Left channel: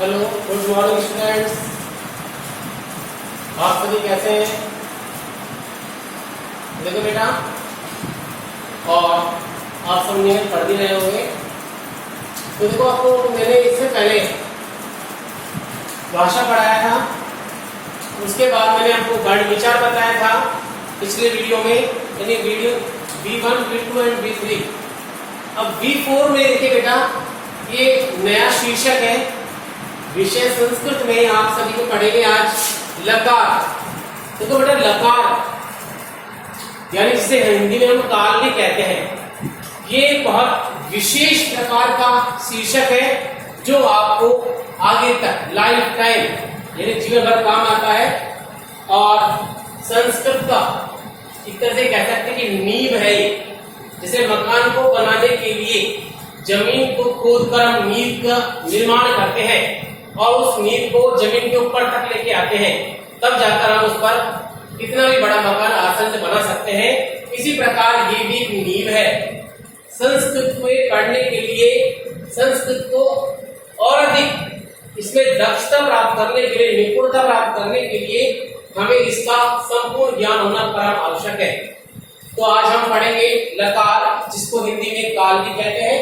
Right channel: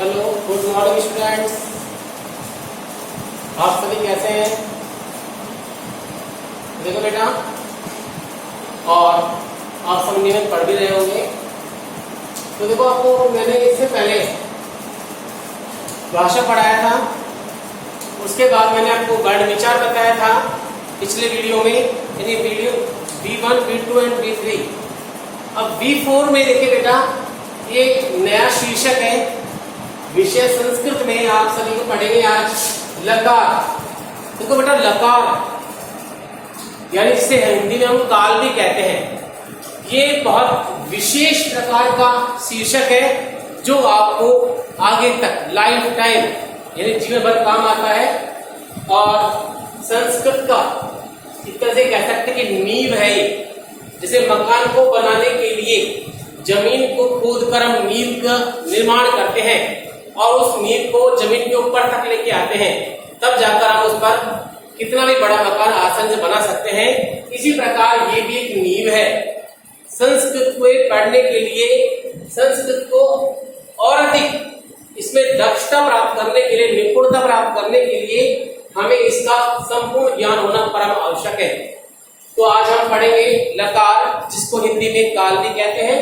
Hello, good morning students. आप सभी कैसे हैं? देखो बेटा, और आप सब नियम पढ़ भी रहे होंगे। तो देखो, आपको मैंने इससे पहले भाषा पढ़ाया था, उसके बाद मैंने आपको गण विचार बताया था पिछले वीडियो में, यानी video V1, V2 and V3। अब V4 में देखिए बेटा, ये नया शीर्षक है, विषय संस्कृत में आप सभी को पढ़ेंगे आज लकार। देखो बेटा, लकार यानी जिसे हिंदी में हम काल भी कहते हैं, ये बहुत विशेष प्रकार का शीर्षक है जो आपको आगे तक लाइफ टाइम यानी जीवन भर काम आता है। और संस्कृत का एक तरह से कह सकते हैं कि नींव है ये। जैसे मकान को बनाने के लिए जमीन को खोदकर हम नींव का निर्माण करते हैं और उस नींव को जमीन के ऊपर तक लेके आते हैं, तब जाकर हम उस पर कितना भी बड़ा मकान आसान से बना सकते हैं। इसी प्रकार ये भी एक नींव है। संस्कृत को पढ़ने के लिए, संस्कृत को और अधिक इसमें दक्षता प्राप्त करने के लिए, निपुणता प्राप्त करने के लिए हमें इसका संपूर्ण ज्ञान होना परम आवश्यक है। तो आज हम पढ़ेंगे लकार, जिसको हिंदी में काल भी कहते हैं।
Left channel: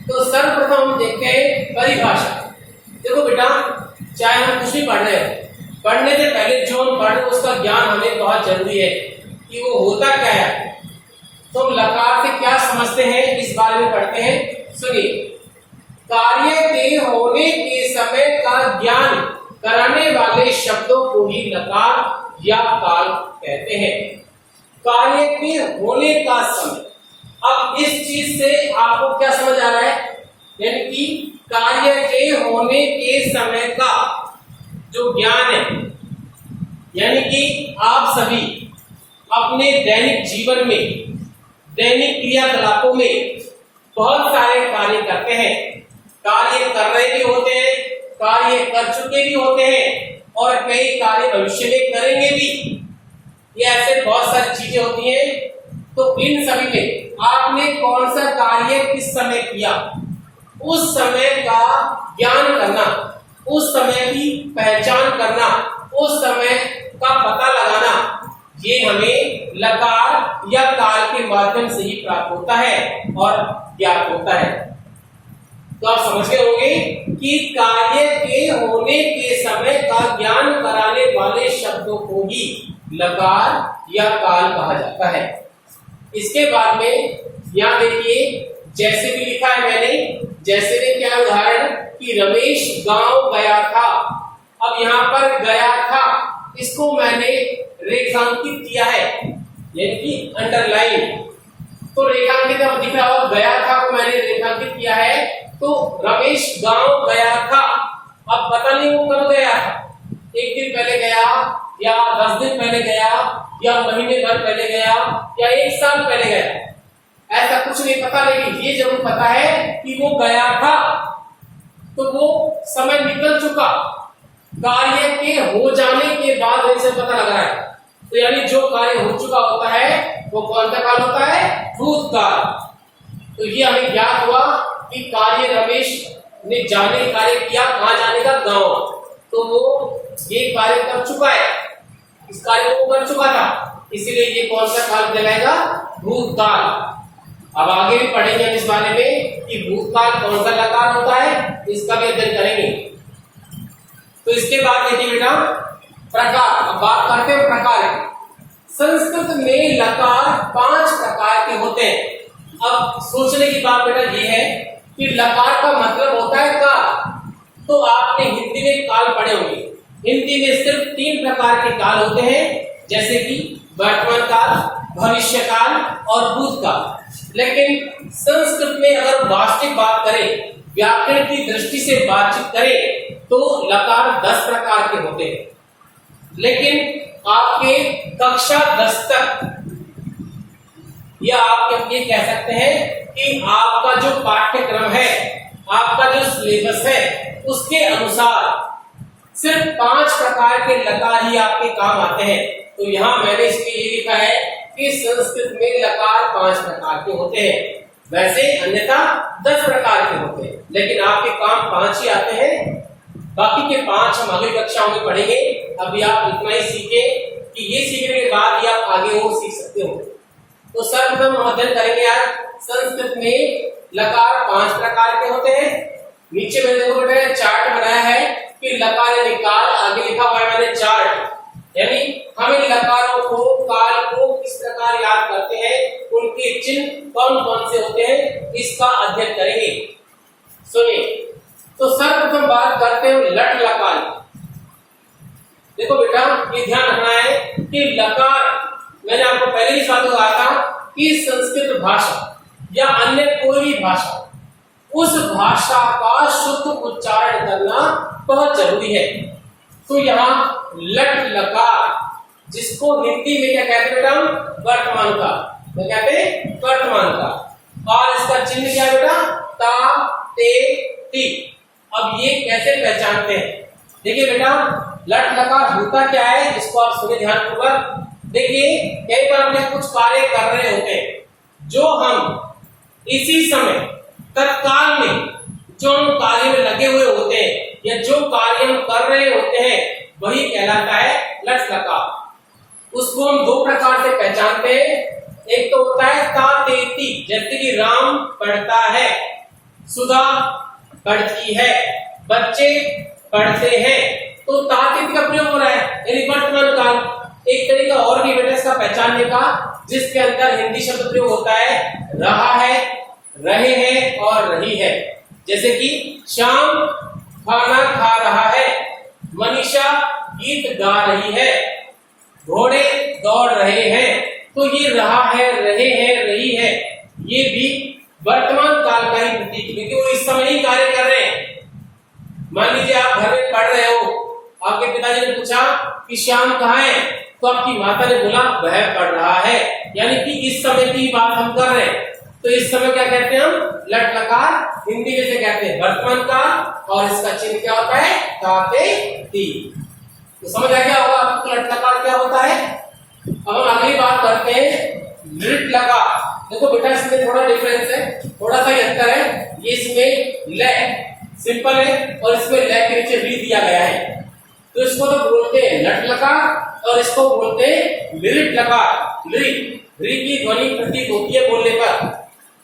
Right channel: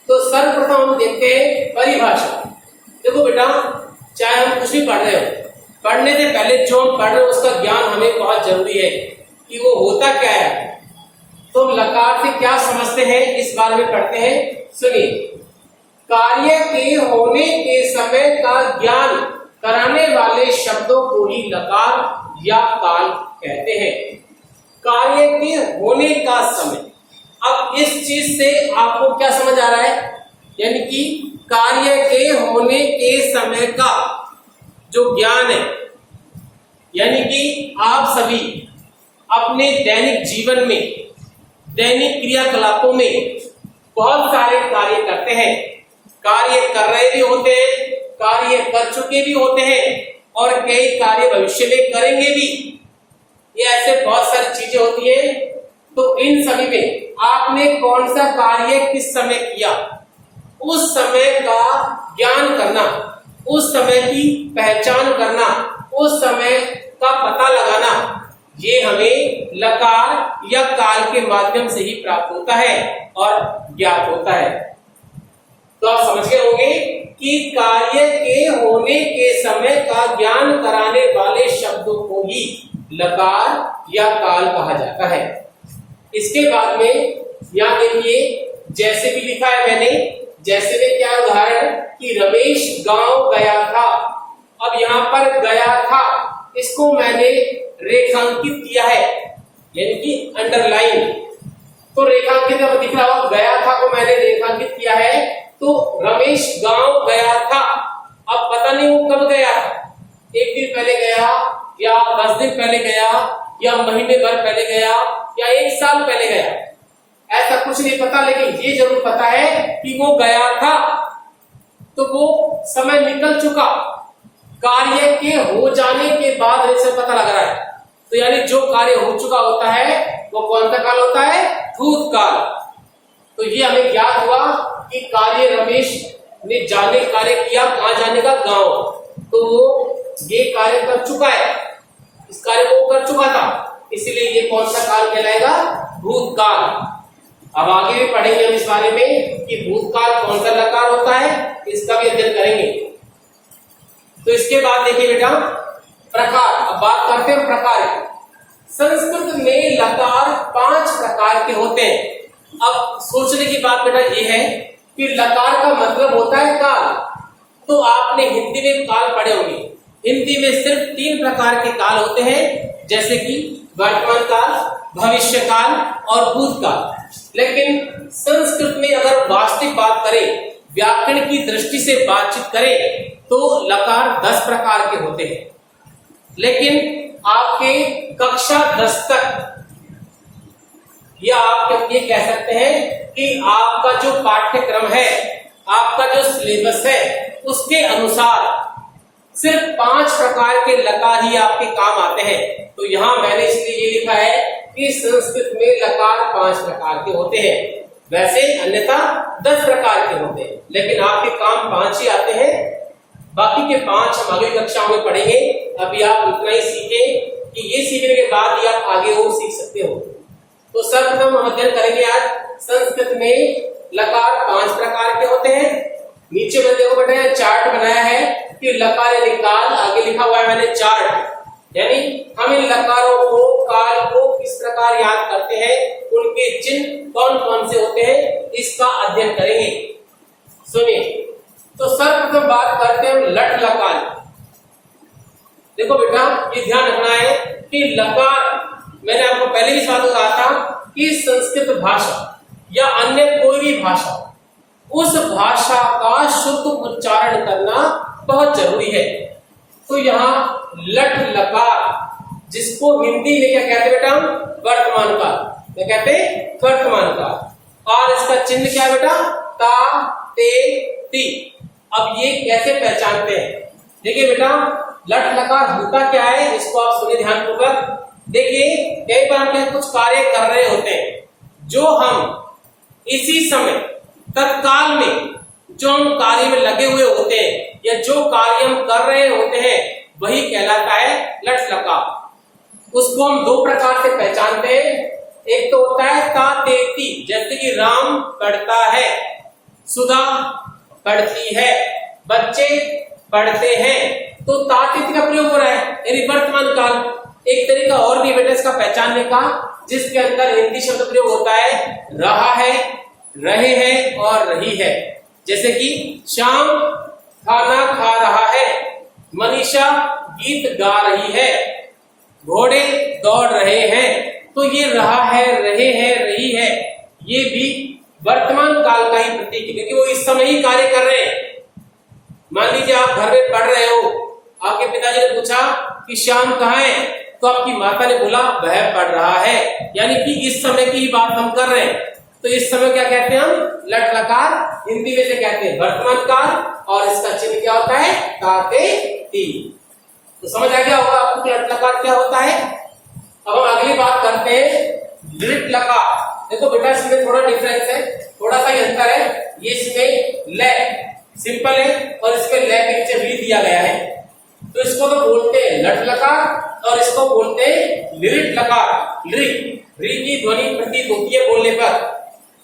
तो सर्वप्रथम हम देखते हैं परिभाषा। देखो बेटा, चाहे हम कुछ भी पढ़ रहे हैं, पढ़ने से पहले जो हम पढ़ रहे हैं उसका ज्ञान हमें बहुत जरूरी है कि वो होता क्या है। तो हम लकार से क्या समझते हैं इस बारे में पढ़ते हैं। सुनिए, कार्य के होने के समय का ज्ञान कराने वाले शब्दों को ही लकार या काल कहते हैं। कार्य के होने का समय, अब इस चीज से आपको क्या समझ आ रहा है, यानी कि कार्य के होने के समय का जो ज्ञान है, यानी कि आप सभी अपने दैनिक जीवन में, दैनिक क्रियाकलापों में बहुत सारे कार्य करते हैं। कार्य कर रहे भी होते हैं, कार्य कर चुके भी होते हैं और कई कार्य भविष्य में करेंगे भी। ये ऐसे बहुत सारी चीजें होती हैं। तो इन सभी में आपने कौन सा कार्य किस समय किया, उस समय का ज्ञान करना, उस समय की पहचान करना, उस समय का पता लगाना, ये हमें लकार या काल के माध्यम से ही प्राप्त होता है और ज्ञात होता है। तो आप समझ गए होंगे कि कार्य के होने के समय का ज्ञान कराने वाले शब्दों को ही लकार या काल कहा जाता है। इसके बाद में यहां देखिए, जैसे भी लिखा है मैंने, जैसे में क्या उदाहरण कि रमेश गांव गया था। अब यहाँ पर गया था, इसको मैंने रेखांकित किया है, यानी कि अंडरलाइन। तो रेखांकित दिख रहा हो, गया था को मैंने रेखांकित किया है। तो रमेश गांव गया था। अब पता नहीं वो कब गया था, एक दिन पहले गया या 10 दिन पहले गया या महीने भर पहले गया या 1 साल पहले गया, ऐसा कुछ नहीं पता। लेकिन ये जरूर पता है कि वो गया था, तो वो समय निकल चुका, कार्य के हो जाने के बाद ऐसे पता लग रहा है। तो यानी जो कार्य हो चुका होता है वो कौन सा काल होता है, भूतकाल। तो ये हमें ज्ञात हुआ कि कार्य रमेश ने जाने कार्य किया, कहां जाने का, गांव। तो वो ये कार्य कर चुका है, इस कार्य को कर चुका था, इसीलिए ये कौन सा काल कहलाएगा, भूतकाल। अब आगे भी पढ़ेंगे हम इस बारे में कि भूतकाल कौन सा लकार होता है, इसका भी अध्ययन करेंगे। तो इसके बाद देखिए बेटा, प्रकार। अब बात करते हैं प्रकार की। संस्कृत में लकार 5 प्रकार के होते हैं। अब सोचने की बात बेटा ये है कि लकार का मतलब होता है काल। तो आपने हिंदी में काल पढ़े होंगे। हिंदी में सिर्फ 3 प्रकार के काल होते हैं, जैसे कि वर्तमान काल, भविष्य काल और भूतकाल। लेकिन संस्कृत में अगर वास्तविक बात करें, व्याकरण की दृष्टि से बातचीत करें, तो लकार 10 प्रकार के होते हैं। लेकिन आपके कक्षा 10 तक, या आप ये कह सकते हैं कि आपका जो पाठ्यक्रम है, आपका जो सिलेबस है, उसके अनुसार सिर्फ 5 प्रकार के लकार ही आपके काम आते हैं। तो यहां मैंने इसलिए ये लिखा है कि संस्कृत में लकार 5 प्रकार के होते हैं। वैसे अन्यथा 10 प्रकार के होते हैं, लेकिन आपके काम 5 ही आते हैं। बाकी के 5 हम आगे कक्षाओं में पढ़ेंगे। अभी आप इतना ही सीखें कि ये सीखने के बाद ही आप आगे और सीख सकते हो। तो सर्वप्रथम हम अध्ययन करेंगे आज संस्कृत में लकार 5 प्रकार के होते हैं। नीचे मैंने देखो बेटा चार्ट बनाया है कि लकार यानी काल, आगे लिखा हुआ है मैंने चार्ट, यानी हमें लकारों को, काल को किस प्रकार याद करते हैं, उनके चिन्ह कौन कौन से होते हैं, इसका अध्ययन करेंगे। सुनिए, तो सर्वप्रथम बात करते हैं लट लकार। देखो बेटा ये ध्यान रखना है कि लकार, मैंने आपको पहले भी बात कहा था कि संस्कृत भाषा या अन्य कोई भी भाषा, उस भाषा का शुद्ध उच्चारण करना बहुत जरूरी है। तो यहाँ लट लकार, जिसको हिंदी में क्या कहते हैं बेटा, वर्तमान काल, क्या कहते हैं, वर्तमान काल। और इसका चिन्ह क्या है बेटा, ता ते ती। अब ये कैसे पहचानते हैं, देखिए बेटा लट लकार होता क्या है, इसको आप सुने ध्यानपूर्वक। देखिए कई बार हम कुछ कार्य कर रहे होते हैं, जो हम इसी समय तत्काल में जो हम कार्य में लगे हुए होते हैं या जो कार्य हम कर रहे होते हैं, वही कहलाता है लट लकार। उसको हम 2 प्रकार से पहचानते हैं। एक तो होता है ता ते ती, जैसे कि राम पढ़ता है, सुधा पढ़ती है, बच्चे पढ़ते हैं, तो ता ते ती का प्रयोग हो रहा है, यानी वर्तमान काल। एक तरीका और भी बेटा इसका पहचानने का, जिसके अंदर हिंदी शब्द प्रयोग होता है रहा है, रहे हैं और रही है। जैसे कि श्याम खाना खा रहा है, मनीषा गीत गा रही है, घोड़े दौड़ रहे हैं। तो ये रहा है, रहे हैं, रही है, ये भी वर्तमान काल का ही प्रतीक है, क्योंकि वो इस समय ही कार्य कर रहे हैं। मान लीजिए आप घर में पढ़ रहे हो, आपके पिताजी ने पूछा कि श्याम कहाँ है, तो आपकी माता ने बोला वह पढ़ रहा है, यानी कि इस समय की बात हम कर रहे हैं। तो इस समय क्या कहते हैं हम, लट लकार, हिंदी में से कहते हैं वर्तमान काल, और इसका चिन्ह क्या होता है, ता ते ती। तो समझ आ गया होगा आपको लट लकार क्या होता है। अब हम अगली बात करते हैं लिट लकार। देखो बेटा इसमें थोड़ा डिफरेंस है, थोड़ा सा ही अंतर है। ये इसमें ले सिंपल है और इसमें ले के नीचे ली दिया गया है, तो इसको तो बोलते हैं लट लकार और इसको बोलते हैं लिट लकार। री की ध्वनि प्रतीत होती है बोलने पर।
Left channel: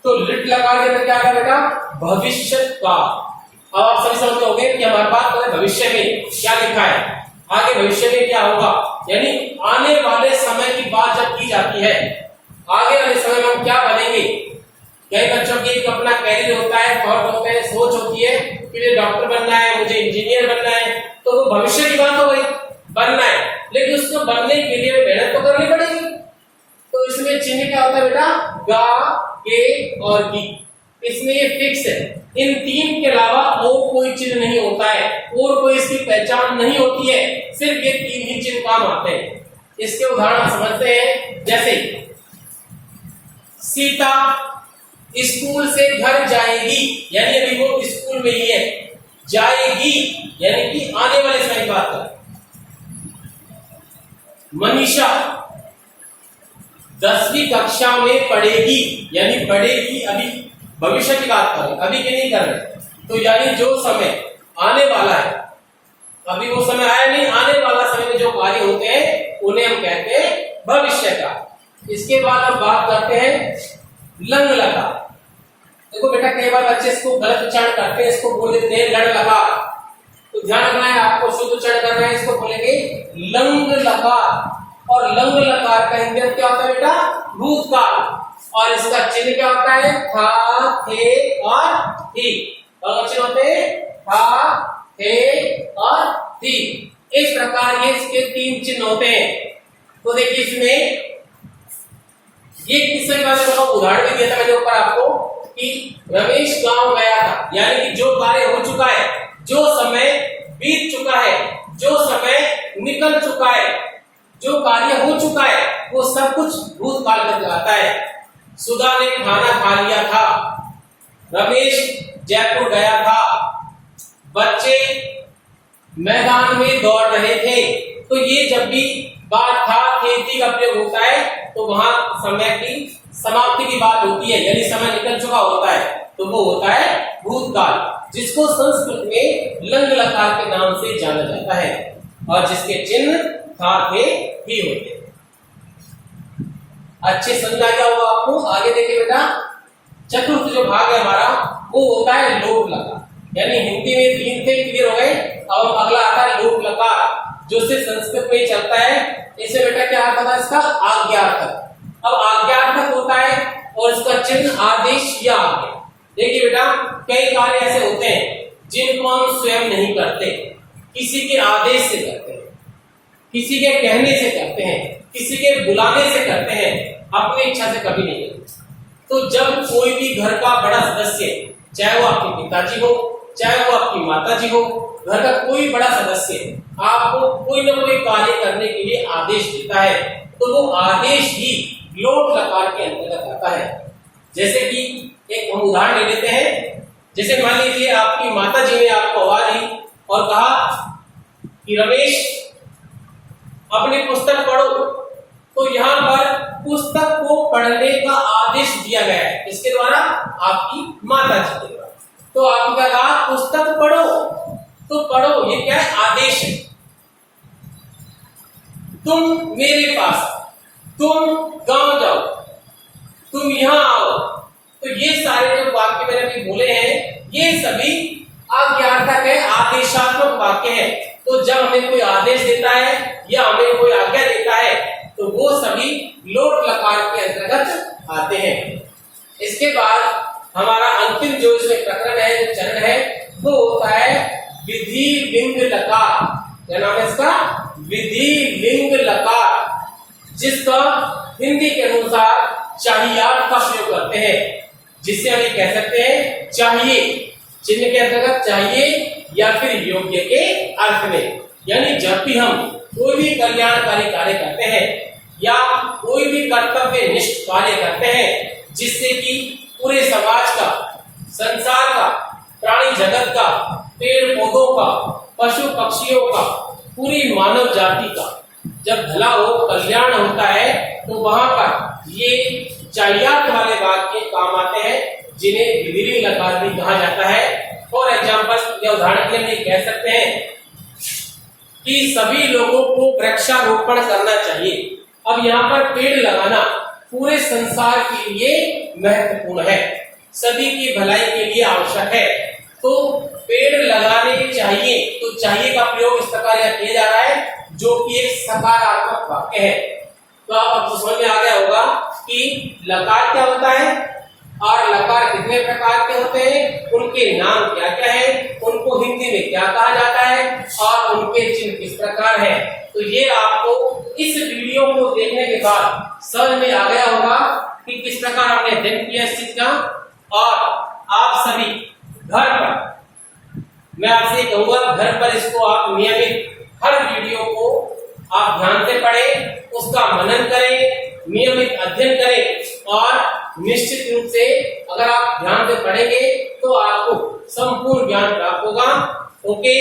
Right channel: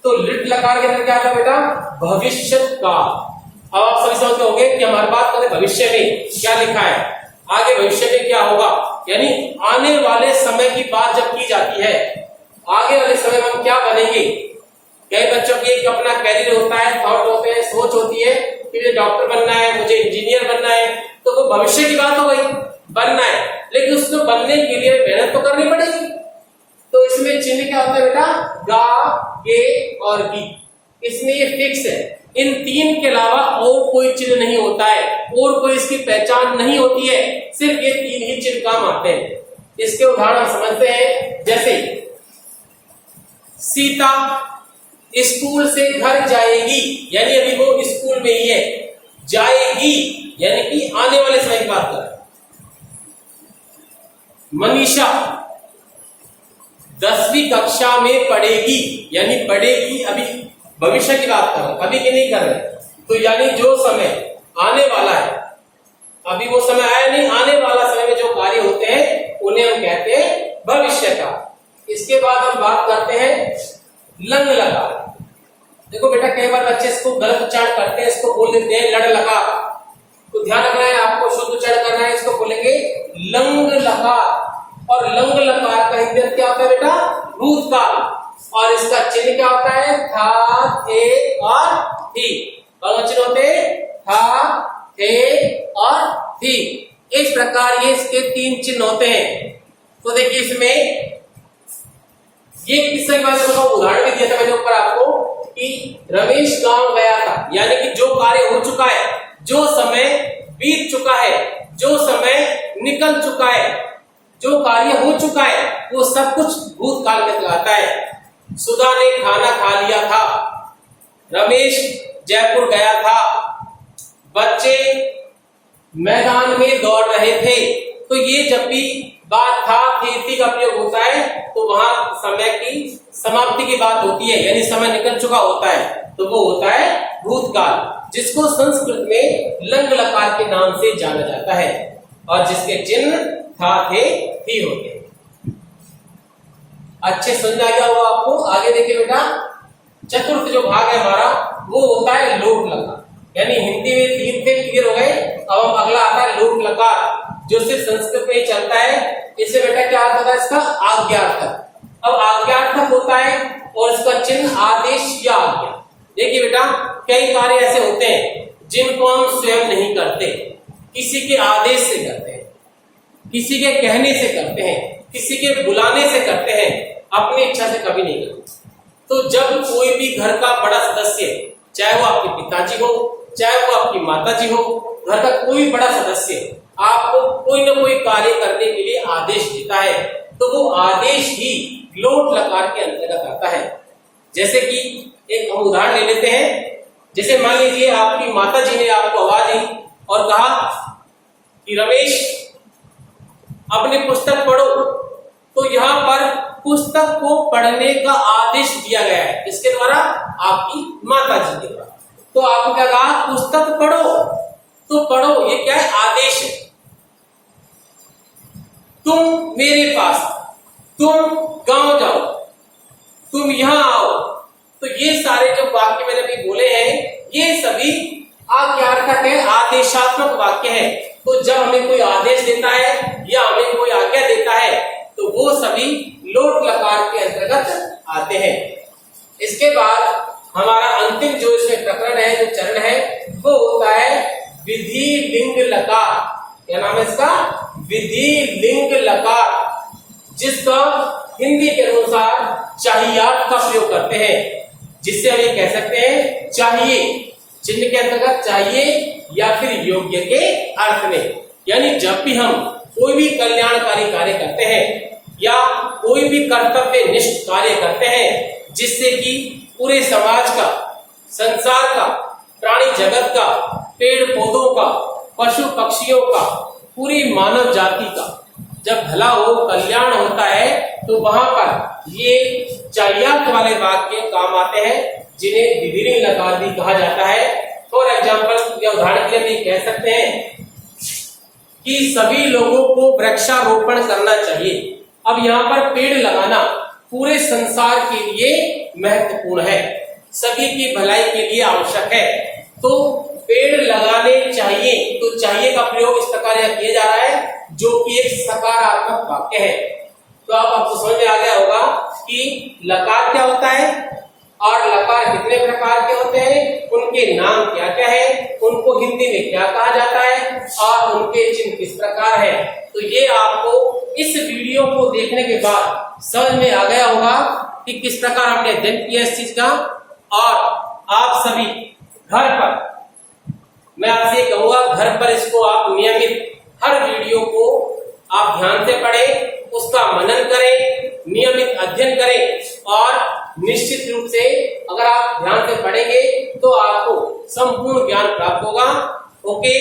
तो लिट लकार के अंदर क्या है बेटा, भविष्य काल। अब आप सभी समझते होंगे कि हमारी बात करें भविष्य में क्या लिखा है, आगे भविष्य में क्या होगा, यानी आने वाले समय की बात जब की जाती है, आगे वाले समय में हम क्या बनेंगे। कई बच्चों की अपना कैरियर होता है, थॉट होते हैं, सोच होती है कि मुझे डॉक्टर बनना है, मुझे इंजीनियर बनना है, तो वो भविष्य की बात हो गई, बनना है, लेकिन उसको बनने के लिए मेहनत तो करनी पड़ेगी। तो इसमें चिन्ह क्या होता है बेटा, गा, के और की। इसमें ये फिक्स है, इन 3 के अलावा और कोई चिन्ह नहीं होता है, और कोई इसकी पहचान नहीं होती है, सिर्फ ये 3 ही चिन्ह काम आते हैं। इसके उदाहरण समझते हैं, जैसे सीता स्कूल से घर जाएगी, यानी अभी वो स्कूल में ही है, जाएगी यानी कि आने वाले समय की बात कर। मनीषा 10वीं कक्षा में पढ़ेगी, यानी पढ़ेगी, अभी भविष्य की बात कर रहे, अभी की नहीं कर रहे। तो यानी जो समय आने वाला है, अभी वो समय आया नहीं, आने वाला समय में जो कार्य होते हैं उन्हें हम कहते हैं भविष्य का। इसके बाद हम बात करते हैं लंग लगा। देखो बेटा कई बार बच्चे इसको गलत उच्चारण करते हैं, इसको बोल देते हैं लड़ लगा, तो ध्यान रखना है आपको, शुद्ध उच्चारण करना है, इसको बोलेंगे लंग लकार। और लंग लकार का हिंदी क्या होता है बेटा, भूतकाल, और इसका चिन्ह क्या होता है, था, थे और थी। और चिन्ह होते हैं था, थे और थी। इस प्रकार ये इसके 3 चिन्ह होते हैं। तो देखिए इसमें ये किससे बात है, उदाहरण भी दिया था मैंने ऊपर आपको कि रमेश गांव गया था, यानी कि जो कार्य हो चुका है, जो समय बीत चुका है, जो समय निकल चुका है, जो कार्य हो चुका है, वो सब कुछ भूतकाल में कहलाता है। सुधा ने खाना खा लिया था, रमेश जयपुर गया था, बच्चे मैदान में दौड़ रहे थे। तो ये जब भी बात था खेती का प्रयोग होता है, तो वहां समय की समाप्ति की बात होती है, यानी समय निकल चुका होता है। तो वो होता है भूतकाल, जिसको संस्कृत में लंग लकार के नाम से जाना जाता है और जिसके चिन्ह था, थे, ही होते हैं। अच्छे समझ आ गया होगा आपको। आगे देखिए बेटा, चतुर्थ जो भाग है हमारा वो होता है लोट लकार, यानी हिंदी में 3 थे, क्लियर हो गए। अब हम अगला आता है लोट लकार, जो सिर्फ संस्कृत में ही चलता है। इससे बेटा क्या आता था इसका, आज्ञार्थक। अब आज्ञार्थक होता है और इसका चिन्ह आदेश या आज्ञा। देखिए बेटा, कई कार्य ऐसे होते हैं जिनको हम स्वयं नहीं करते, किसी के आदेश से करते हैं, किसी के कहने से करते हैं, किसी के बुलाने से करते हैं, अपनी इच्छा से कभी नहीं करते। तो जब कोई भी घर का बड़ा सदस्य, चाहे वो आपके पिताजी हो, चाहे वो आपकी माताजी हो, घर का कोई बड़ा सदस्य आपको कोई ना कोई कार्य करने के लिए आदेश देता है, तो वो आदेश ही लोट लकार के अंतर्गत आता है। जैसे कि एक हम उदाहरण ले लेते हैं। जैसे मान लीजिए आपकी माताजी ने आपको आवाज दी और कहा कि रमेश अपनी पुस्तक पढ़ो, तो यहाँ पर पुस्तक को पढ़ने का आदेश दिया गया है, इसके द्वारा, आपकी माताजी के द्वारा। तो आपने क्या कहा, पुस्तक पढ़ो, तो पढ़ो, ये क्या है, आदेश है। तुम मेरे पास, तुम गांव जाओ, तुम यहां आओ, तो ये सारे जो वाक्य मैंने अभी बोले हैं, ये सभी आज्ञार्थक है, आदेशात्मक वाक्य है। तो जब हमें कोई आदेश देता है या हमें कोई आज्ञा देता है, तो वो सभी लोट लकार के अंतर्गत आते हैं। इसके बाद हमारा अंतिम जो इसमें प्रकरण है, जो चरण है, वो होता है विधि लिंग लकार। क्या नाम है इसका, विधि लिंग लकार, जिसका हिंदी के अनुसार चाहियात का प्रयोग करते हैं, जिससे हम ये कह सकते हैं चाहिए, चिन्ह के अंतर्गत चाहिए या फिर योग्य के अर्थ में। यानी जब भी हम कोई भी कल्याणकारी कार्य करते हैं या कोई भी कर्तव्य निष्ठ कार्य करते हैं, जिससे कि पूरे समाज का, संसार का, प्राणी जगत का, पेड़ पौधों का, पशु पक्षियों का, पूरी मानव जाति का जब भला हो, कल्याण होता है, तो वहां पर ये चाहियात वाले वाक्य काम आते हैं, जिन्हें विधि लिंग लकार भी कहा जाता है। फॉर एग्जाम्पल या उदाहरण के लिए हम कह सकते हैं कि सभी लोगों को वृक्षारोपण करना चाहिए। अब यहाँ पर पेड़ लगाना पूरे संसार के लिए महत्वपूर्ण है, सभी की भलाई के लिए आवश्यक है, तो पेड़ लगाने चाहिए। तो चाहिए का प्रयोग इस प्रकार यहाँ किया जा रहा है, जो कि एक सकारात्मक वाक्य है। तो आपको समझ में आ गया होगा कि लकार क्या होता है और लकार कितने प्रकार के होते हैं, उनके नाम क्या क्या है, उनको हिंदी में क्या कहा जाता है और उनके चिन्ह किस प्रकार है। तो ये आपको इस वीडियो को देखने के बाद समझ में आ गया होगा कि किस प्रकार हमने अध्ययन किया इस चीज का। और आप सभी घर पर, मैं आपसे कहूंगा, घर पर इसको आप नियमित हर वीडियो को आप ध्यान से पढ़ें, उसका मनन करें, नियमित अध्ययन करें और निश्चित रूप से अगर आप ध्यान से पढ़ेंगे तो आपको संपूर्ण ज्ञान प्राप्त होगा। ओके।